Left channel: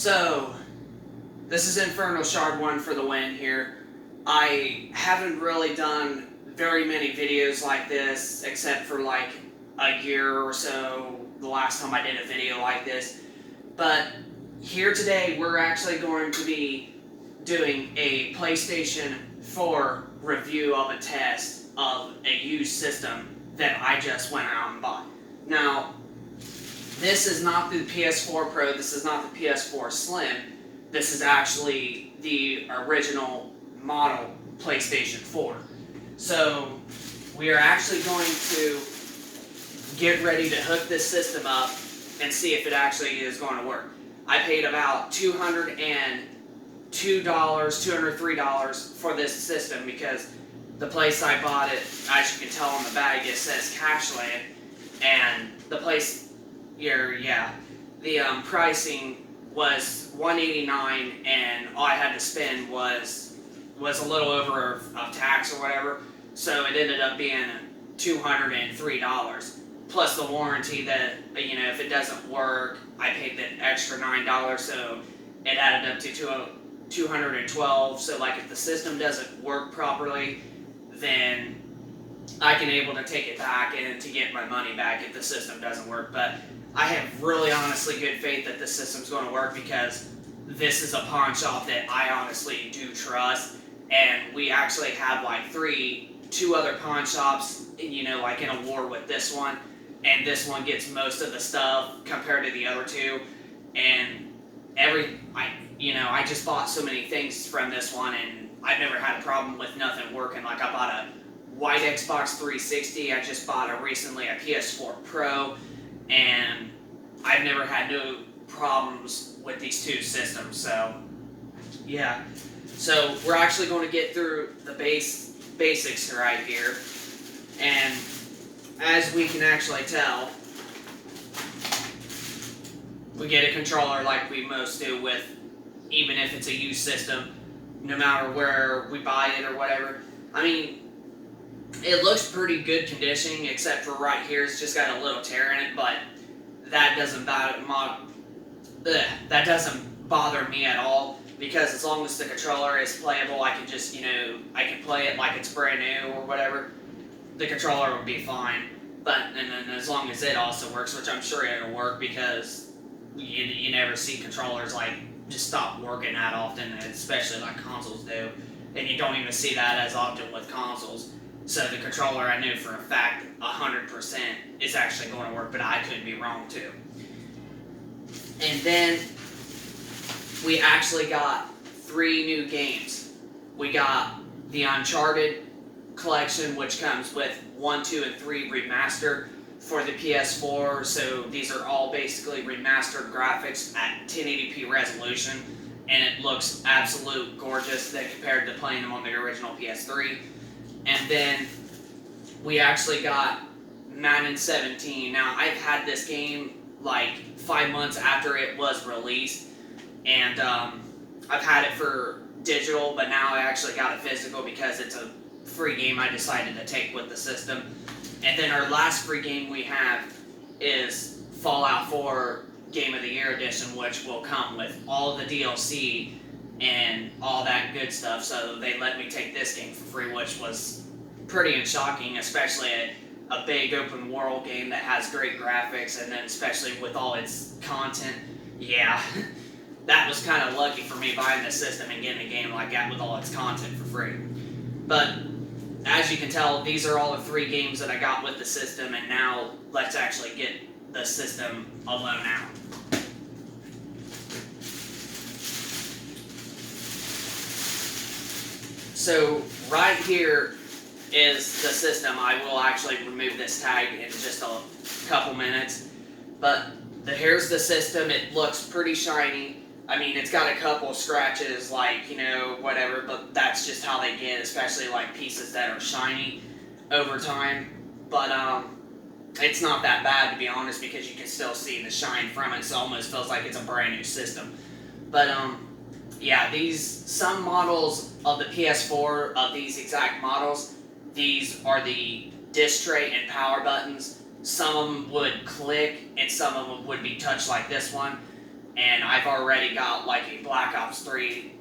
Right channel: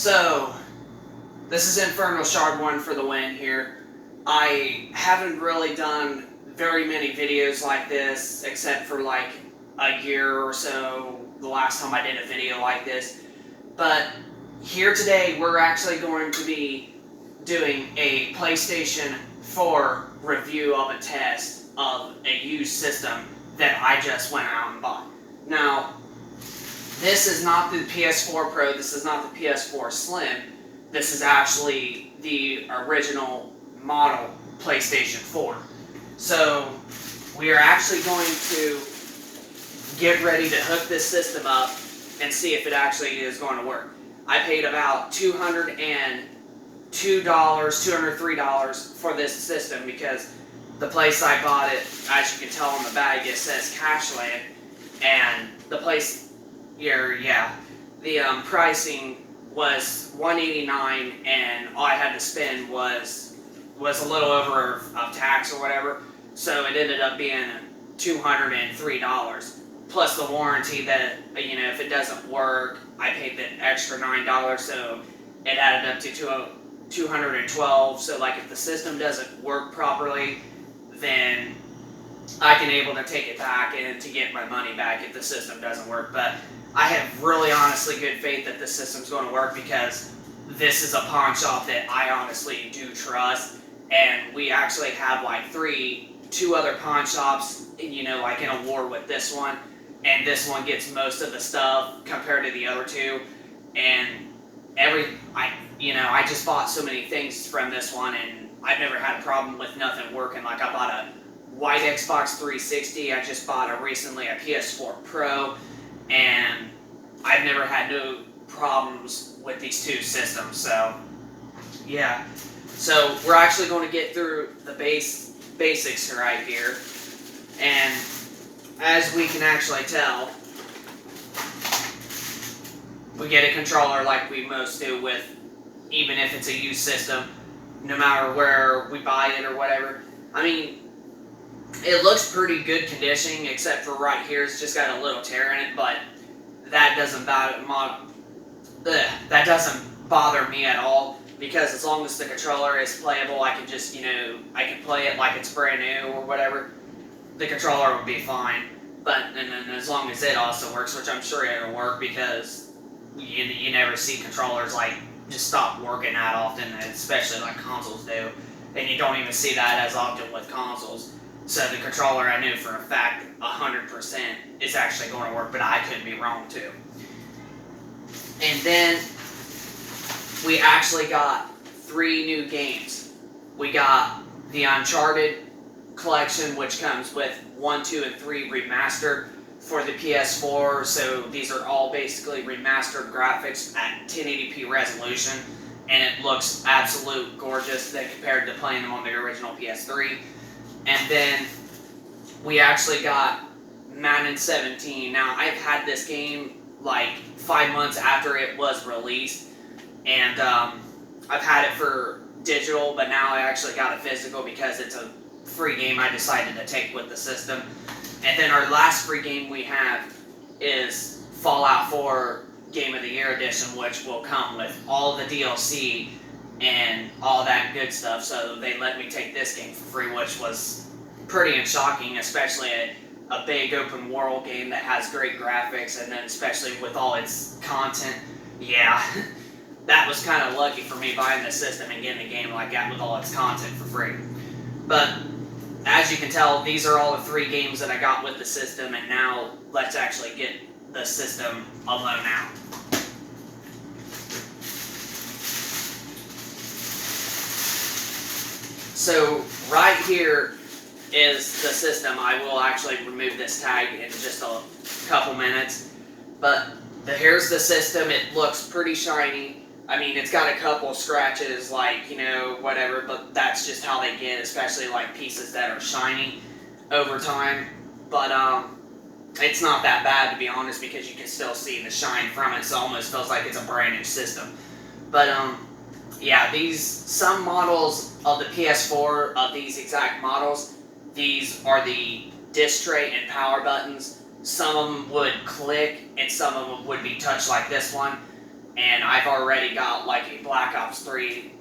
So, this is Inferno Shard 1 for the win here. I haven't really done very many videos like this, except for like a year or so, the last time I did a video like this. But here today, we're actually going to be doing a PlayStation 4 review of a test of a used system that I just went out and bought. Now, this is not the PS4 Pro, this is not the PS4 Slim, this is actually the original model PlayStation 4. So, we are actually going to get ready to hook this system up and see if it actually is going to work. I paid about $202, $203 for this system because the place I bought it, as you can tell on the bag, it says Cashland, and the place here, the pricing was $189, and all I had to spend was a little over of tax or whatever, so it ended up being $203. Plus the warranty that, if it doesn't work, I paid the extra $9, so it added up to $212. So like if the system doesn't work properly, then I can able to take it back and to get my money back if the system doesn't work. But I have really honestly good faith that the system's going to work because this is a pawn shop that I honestly do trust, and we actually have like two other pawn shops, like in a war with this one. And this one gets most of the stuff compared to the other two, and I just bought so many things from this one, and I've never had a problem with nothing working. Like I bought a white Xbox 360, I just bought recently a PS4 Pro, and I've never had no problems with these two systems. So yeah, so we're actually going to get through the basics right here, and as we can actually tell, we get a controller like we most do with, even if it's a used system, no matter where we buy it or whatever. I mean, it looks pretty good condition, except for right here, it's just got a little tear in it, but that doesn't bother me at all, because as long as the controller is playable, I can just, I can play it like it's brand new or whatever. The controller would be fine, and then as long as it also works, which I'm sure it'll work, because you never see controllers like just stop working that often, especially like consoles do, and you don't even see that as often with consoles. So the controller, I knew for a fact 100% is actually going to work, but I could be wrong too. And then we actually got 3 new games. We got the Uncharted collection, which comes with 1, 2, and 3 remastered for the PS4. So these are all basically remastered graphics at 1080p resolution, and it looks absolute gorgeous compared to playing them on the original PS3. And then we actually got Madden 17. Now, I've had this game like 5 months after it was released, and I've had it for digital, but now I actually got it physical because it's a free game I decided to take with the system. And then our last free game we have is Fallout 4 Game of the Year Edition, which will come with all the DLC and all that good stuff. So they let me take this game for free, which was pretty shocking, especially a big open world game that has great graphics, and then especially with all its content. Yeah, that was kind of lucky for me buying the system and getting a game like that with all its content for free. But as you can tell, these are all the 3 games that I got with the system, and now let's actually get the system alone out. So right here is the system. I will actually remove this tag in just a couple minutes, but here's the system. It looks pretty shiny. I mean, it's got a couple scratches, like, whatever, but that's just how they get, especially like pieces that are shiny over time. But it's not that bad, to be honest, because you can still see the shine from it, so it almost feels like it's a brand new system. But yeah, some models of the PS4, of these exact models, these are the disc tray and power buttons. Some of them would click, and some of them would be touched like this one. and I've already got like a Black Ops 3,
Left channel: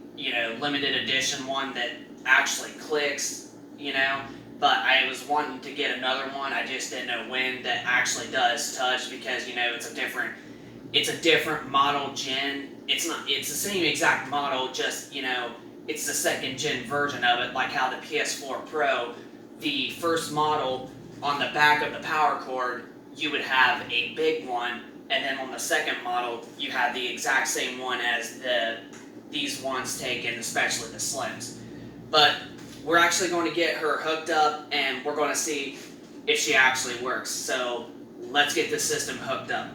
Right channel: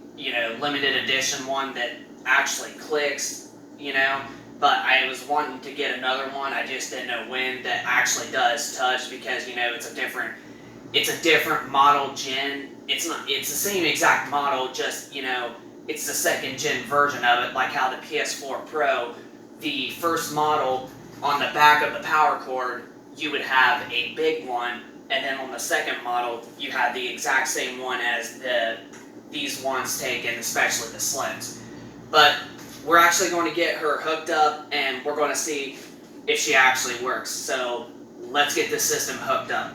limited edition one that actually clicks, but I was wanting to get another one. I just didn't know when that actually does touch because it's a different model gen. It's the same exact model, just it's the second gen version of it, like how the PS4 Pro, the first model on the back of the power cord, you would have a big one, and then on the second model, you have the exact same one as these ones taken, especially the Slims. But we're actually going to get her hooked up, and we're going to see if she actually works. So let's get this system hooked up.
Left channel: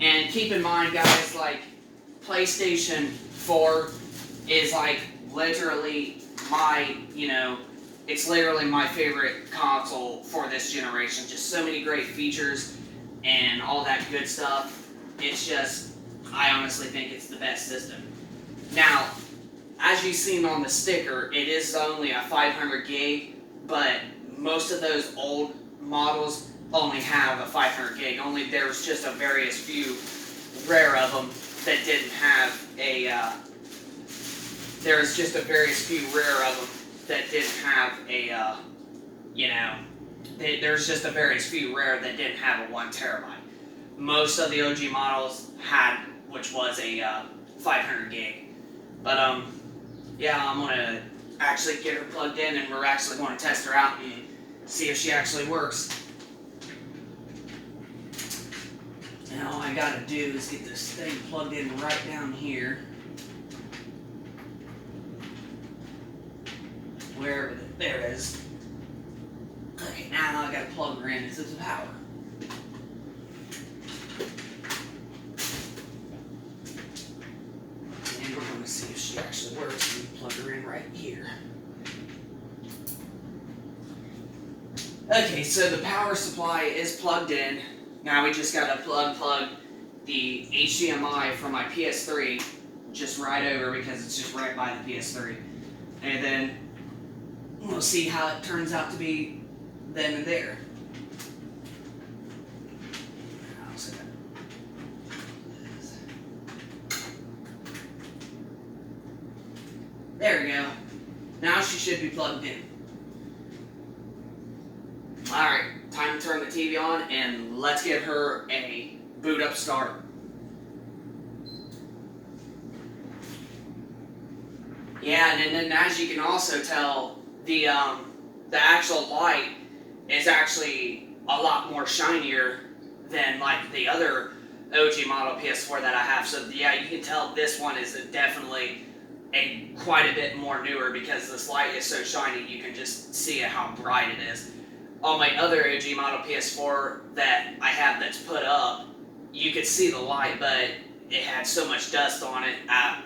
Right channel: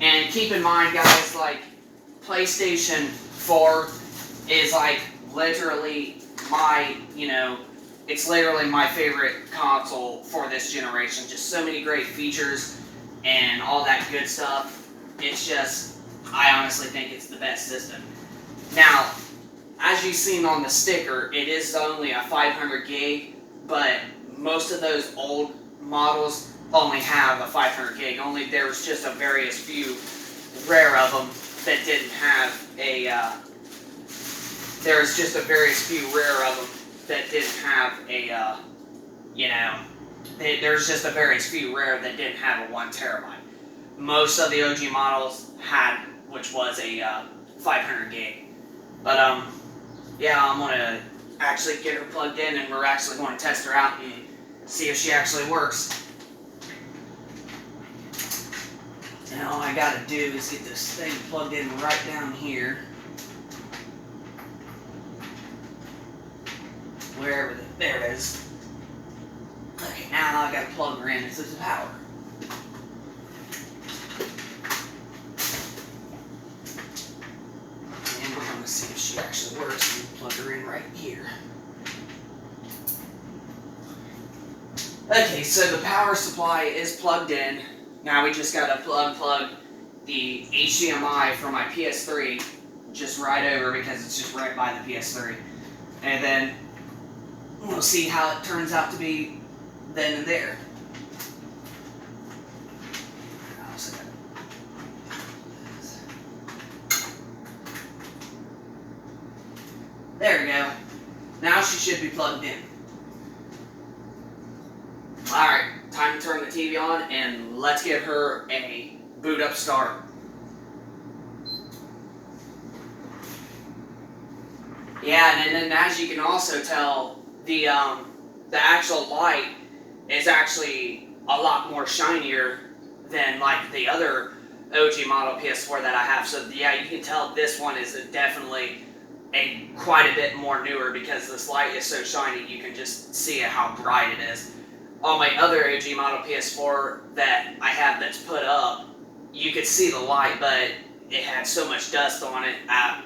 And keep in mind, guys, like, PlayStation 4 is like literally my, it's literally my favorite console for this generation. Just so many great features and all that good stuff. It's just, I honestly think it's the best system. Now, as you've seen on the sticker, it is only a 500 gig, but most of those old models only have a 500 gig. Only there was just a various few rare of them that didn't have a, there's just a various few rare of them that didn't have a, there's just a various few rare that didn't have a 1 terabyte. Most of the OG models had, which was a 500 gig. But, yeah, I'm going to actually get her plugged in, and we're actually going to test her out and see if she actually works. Now all I got to do is get this thing plugged in right down here. Wherever there it is. Okay, now I got to plug her in into the power. And we're going to see if she actually works. We plug her in right here. Okay, so the power supply is plugged in. Now we just got to unplug the HDMI from my PS3 just right over because it's just right by the PS3. And then we'll see how it turns out to be then and there. There we go. Now she should be plugged in. Alright, time to turn the TV on and let's give her a boot up start. Yeah, and then as you can also tell, the actual light is actually a lot more shinier than like the other OG model PS4 that I have. So yeah, you can tell this one is definitely quite a bit more newer because this light is so shiny you can just see it how bright it is. On my other OG model PS4 that I have that's put up, you could see the light, but it had so much dust on it at,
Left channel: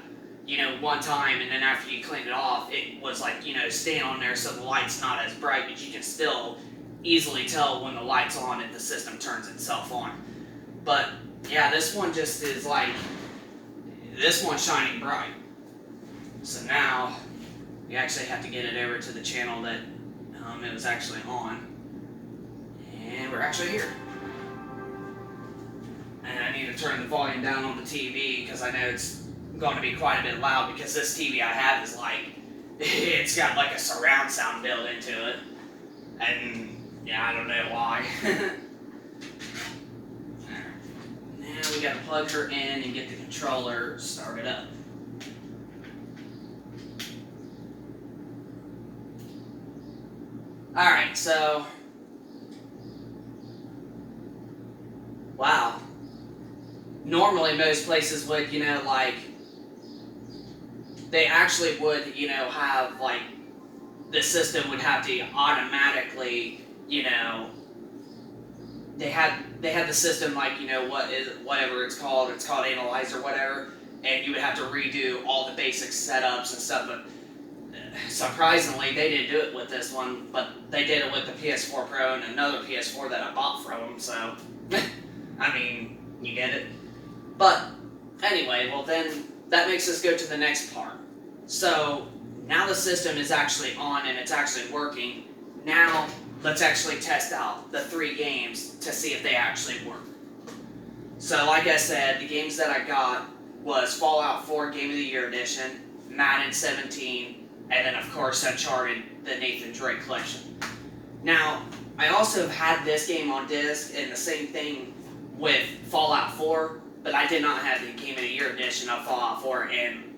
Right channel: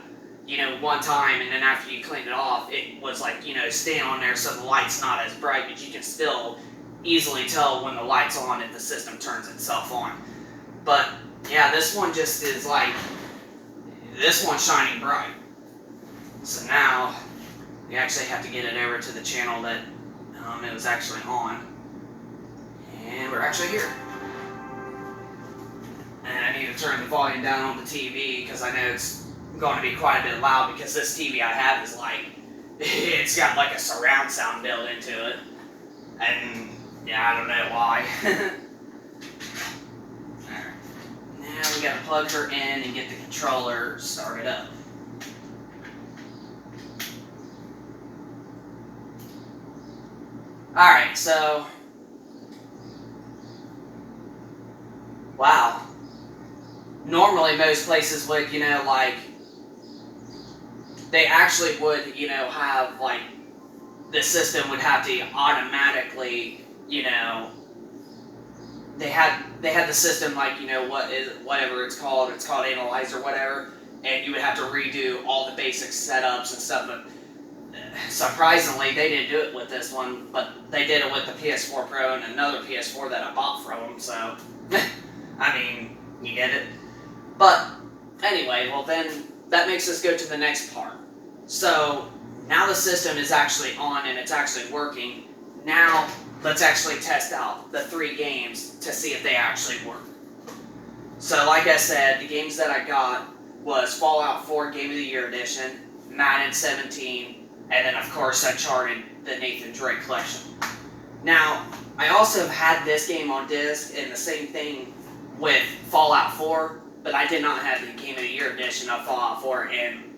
one time, and then after you cleaned it off, it was like, staying on there so the light's not as bright, but you can still easily tell when the light's on if the system turns itself on. But, yeah, this one just is like, this one's shining bright. So now, we actually have to get it over to the channel that it was actually on. And we're actually here. And I need to turn the volume down on the TV because I know it's going to be quite a bit loud because this TV I have is like, it's got like a surround sound built into it. And yeah, I don't know why. Alright. Now we gotta plug her in and get the controller started up. Alright, so wow. Normally most places would, like, they actually would, have, like, the system would have to automatically, they had the system, like, whatever it's called Analyze or whatever, and you would have to redo all the basic setups and stuff, but surprisingly, they didn't do it with this one, but they did it with the PS4 Pro and another PS4 that I bought from them, so, I mean, you get it. But, anyway, well then, that makes us go to the next part. So, now the system is actually on and it's actually working. Now, let's actually test out the 3 games to see if they actually work. So like I said, the games that I got was Fallout 4 Game of the Year Edition, Madden 17, and then of course Uncharted, the Nathan Drake collection. Now, I also had this game on disc and the same thing with Fallout 4, but I did not have the Game of the Year Edition of Fallout 4, and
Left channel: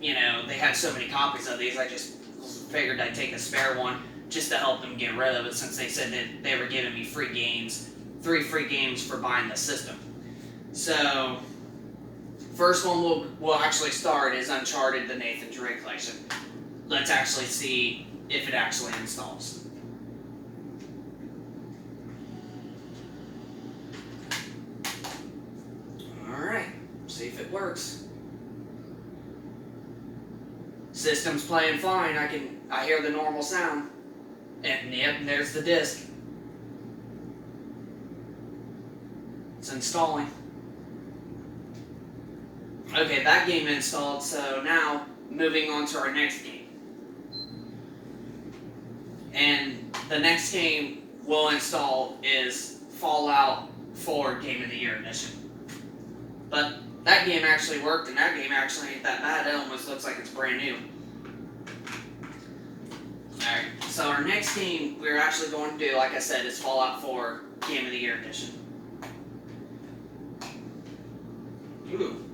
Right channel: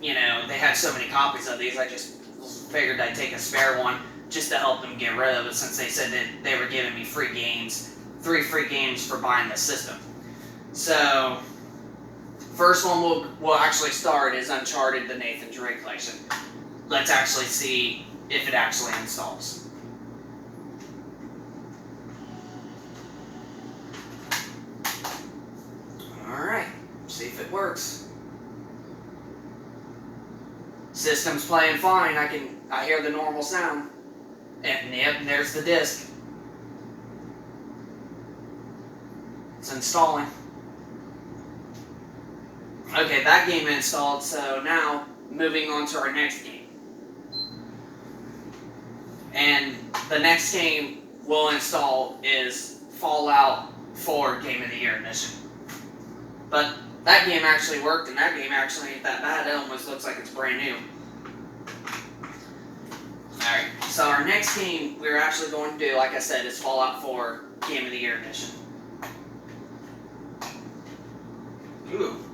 they had so many copies of these, I just figured I'd take a spare one just to help them get rid of it, since they said that they were giving me free games, 3 free games for buying the system. So, first one we'll actually start is Uncharted, the Nathan Drake collection. Let's actually see if it actually installs. Alright, see if it works. System's playing fine, I hear the normal sound. And yep, there's the disc. It's installing. Okay, that game installed, so now moving on to our next game. And the next game we'll install is Fallout 4 Game of the Year Edition. But that game actually worked, and that game actually ain't that bad. It almost looks like it's brand new. Alright, so our next game we're actually going to do, like I said, is Fallout 4 Game of the Year Edition. Ooh,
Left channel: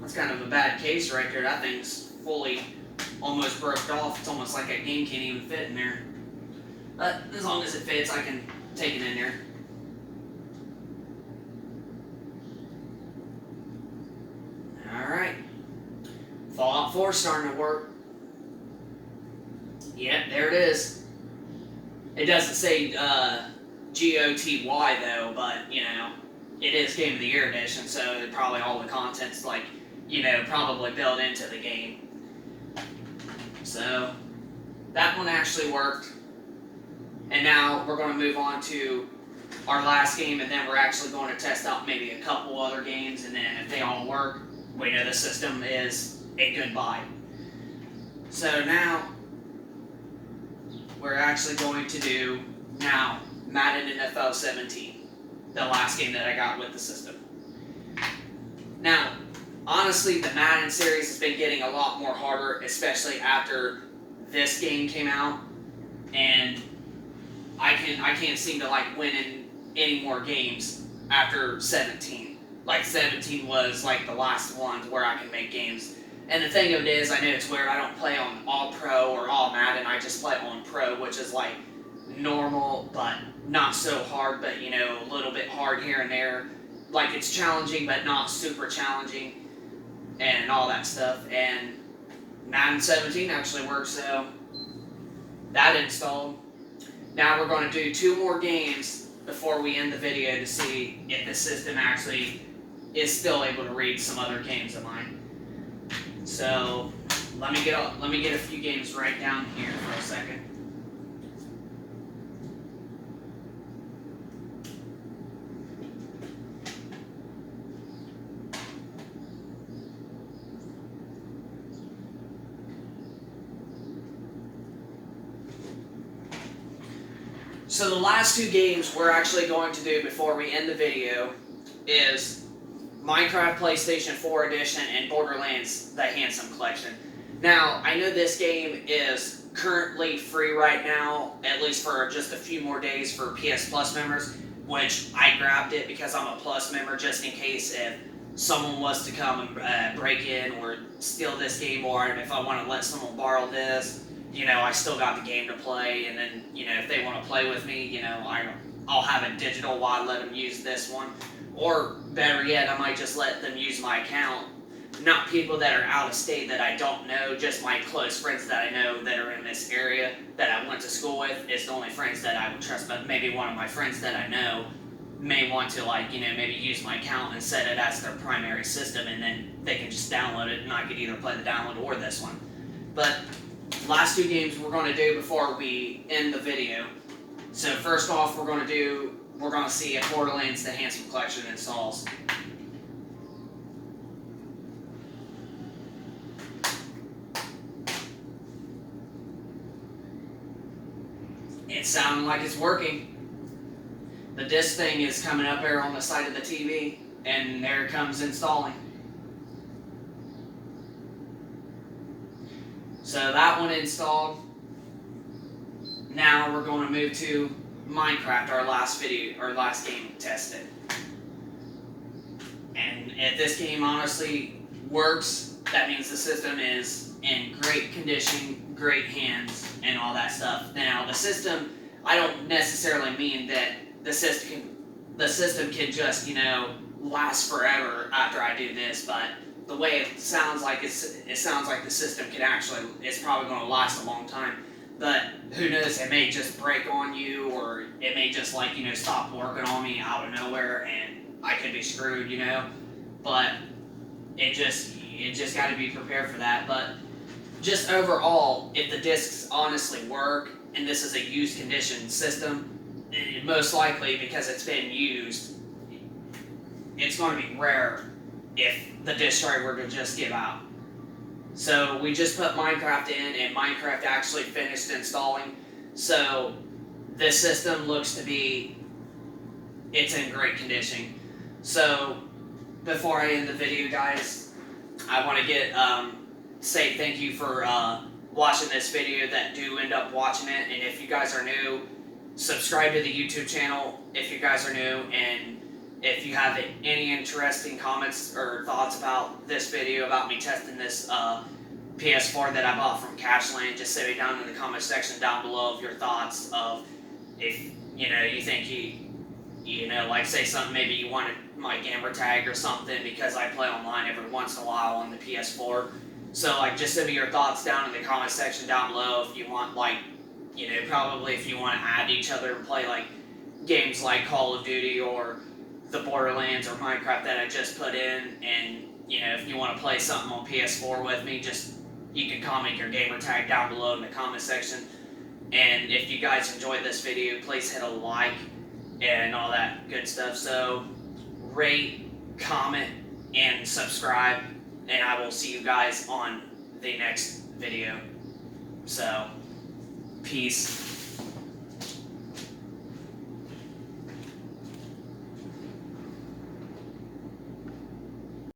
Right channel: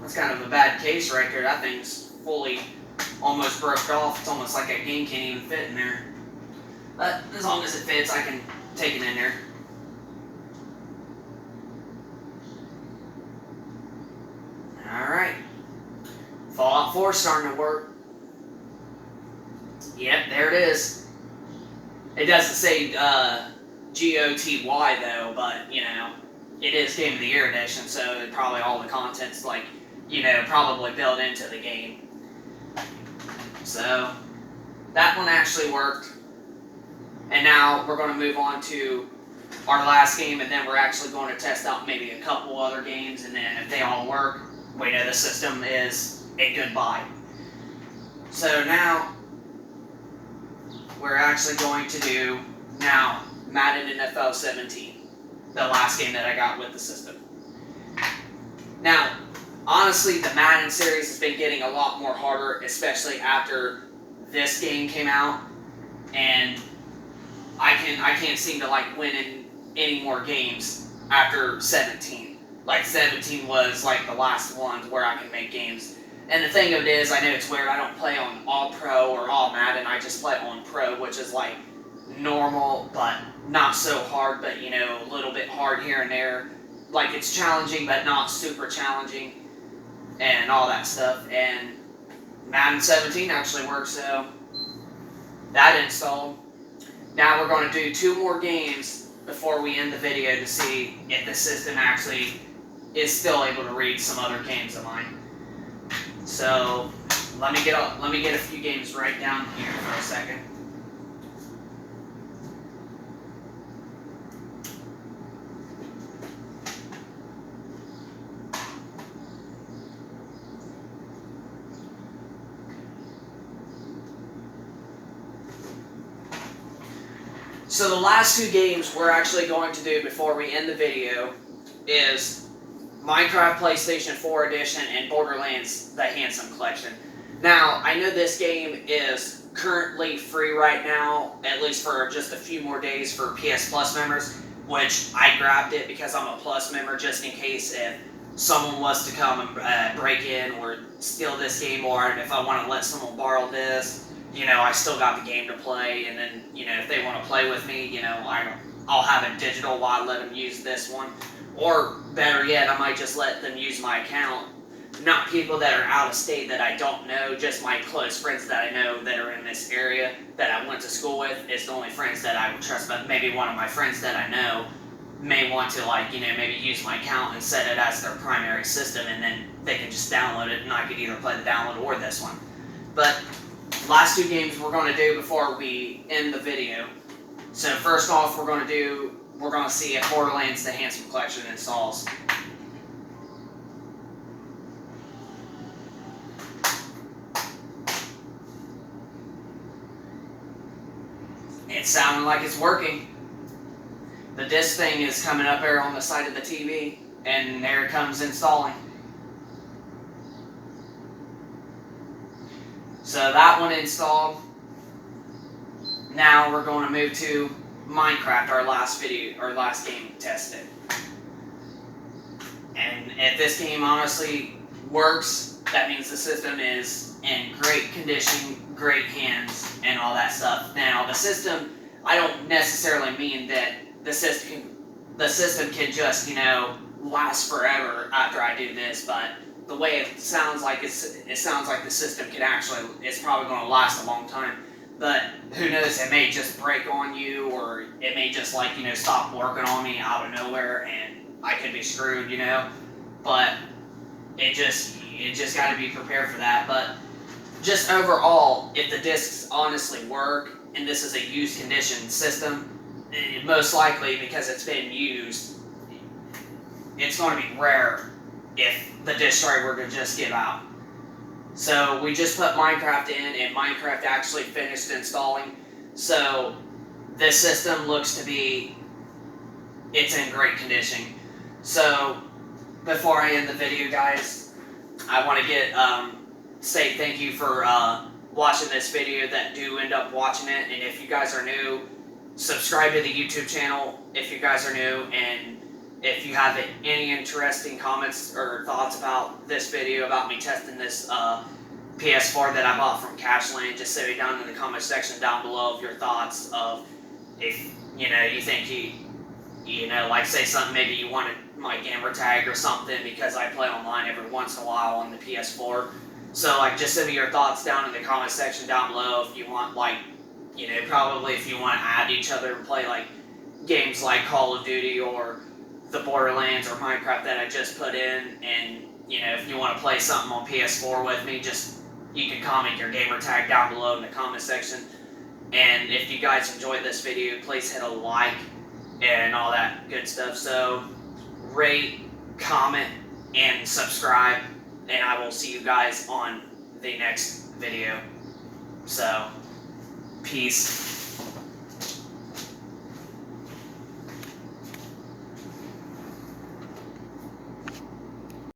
that's kind of a bad case right there. That thing's fully almost broke off. It's almost like a game can't even fit in there. But as long as it fits, I can take it in there. Alright, Fallout 4 starting to work. Yep, there it is. It doesn't say GOTY though, but it is Game of the Year Edition, so probably all the content's probably built into the game. So that one actually worked. And now we're going to move on to our last game, and then we're actually going to test out maybe a couple other games, and then if they all work, we know the system is a good buy. So now we're actually going to do Madden NFL 17, the last game that I got with the system. Now, honestly, the Madden series has been getting a lot more harder, especially after this game came out, and I can't seem to win any more games after 17. 17 was the last ones where I can make games. And the thing of it is, I know it's weird, I don't play on All Pro or All Madden, I just play on Pro, which is normal, but not so hard, but a little bit hard here and there. It's challenging, but not super challenging, and all that stuff. And Madden 17 actually works, so that installed. Now we're going to do 2 more games before we end the video to see if the system actually is still able to read some other games of mine. So let me get a few games right down here for a second. So the last 2 games we're actually going to do before we end the video is Minecraft PlayStation 4 Edition and Borderlands The Handsome Collection. Now, I know this game is currently free right now, at least for just a few more days for PS Plus members, which I grabbed it because I'm a Plus member just in case if someone was to come and break in or steal this game, or if I want to let someone borrow this, I still got the game to play, and then, if they want to play with me, I'll have it digital while I let them use this one. Or, better yet, I might just let them use my account. Not people that are out of state that I don't know, just my close friends that I know that are in this area that I went to school with is the only friends that I would trust, but maybe one of my friends that I know may want to, maybe use my account and set it as their primary system, and then they can just download it, and I could either play the download or this one. But last 2 games we're going to do before we end the video. So first off, we're going to see if Borderlands The Handsome Collection installs. It's sounding like it's working. The disc thing is coming up there on the side of the TV. And there it comes installing. So that one installed. Now we're going to move to Minecraft, our last game tested. And if this game honestly works, that means the system is in great condition, great hands, and all that stuff. Now the system, I don't necessarily mean that the system can just, last forever after I do this, but the way it sounds like it sounds like the system can actually, it's probably going to last a long time. But who knows, it may just break on you, or it may just stop working on me out of nowhere, and I could be screwed, But it just got to be prepared for that. But just overall, if the discs honestly work, and this is a used condition system, most likely because it's been used, it's going to be rare if the disc drive were to just give out. So we just put Minecraft in, and Minecraft actually finished installing. So this system looks to be, it's in great condition. So before I end the video, guys, I want to say thank you for watching this video that do end up watching it. And if you guys are new, subscribe to the YouTube channel if you guys are new. And if you have any interesting comments or thoughts about this video, about me testing this PS4 that I bought from Cashland, just say it down in the comment section down below of your thoughts of if you think like say something, maybe you wanted my gamer tag or something, because I play online every once in a while on the PS4. So just send me your thoughts down in the comment section down below if you want, probably if you want to add each other and play games like Call of Duty or the Borderlands or Minecraft that I just put in. And if you want to play something on PS4 with me, you can comment your gamer tag down below in the comment section. And if you guys enjoyed this video, please hit a like and all that good stuff. So rate, comment, and subscribe, and I will see you guys on the next video. So peace.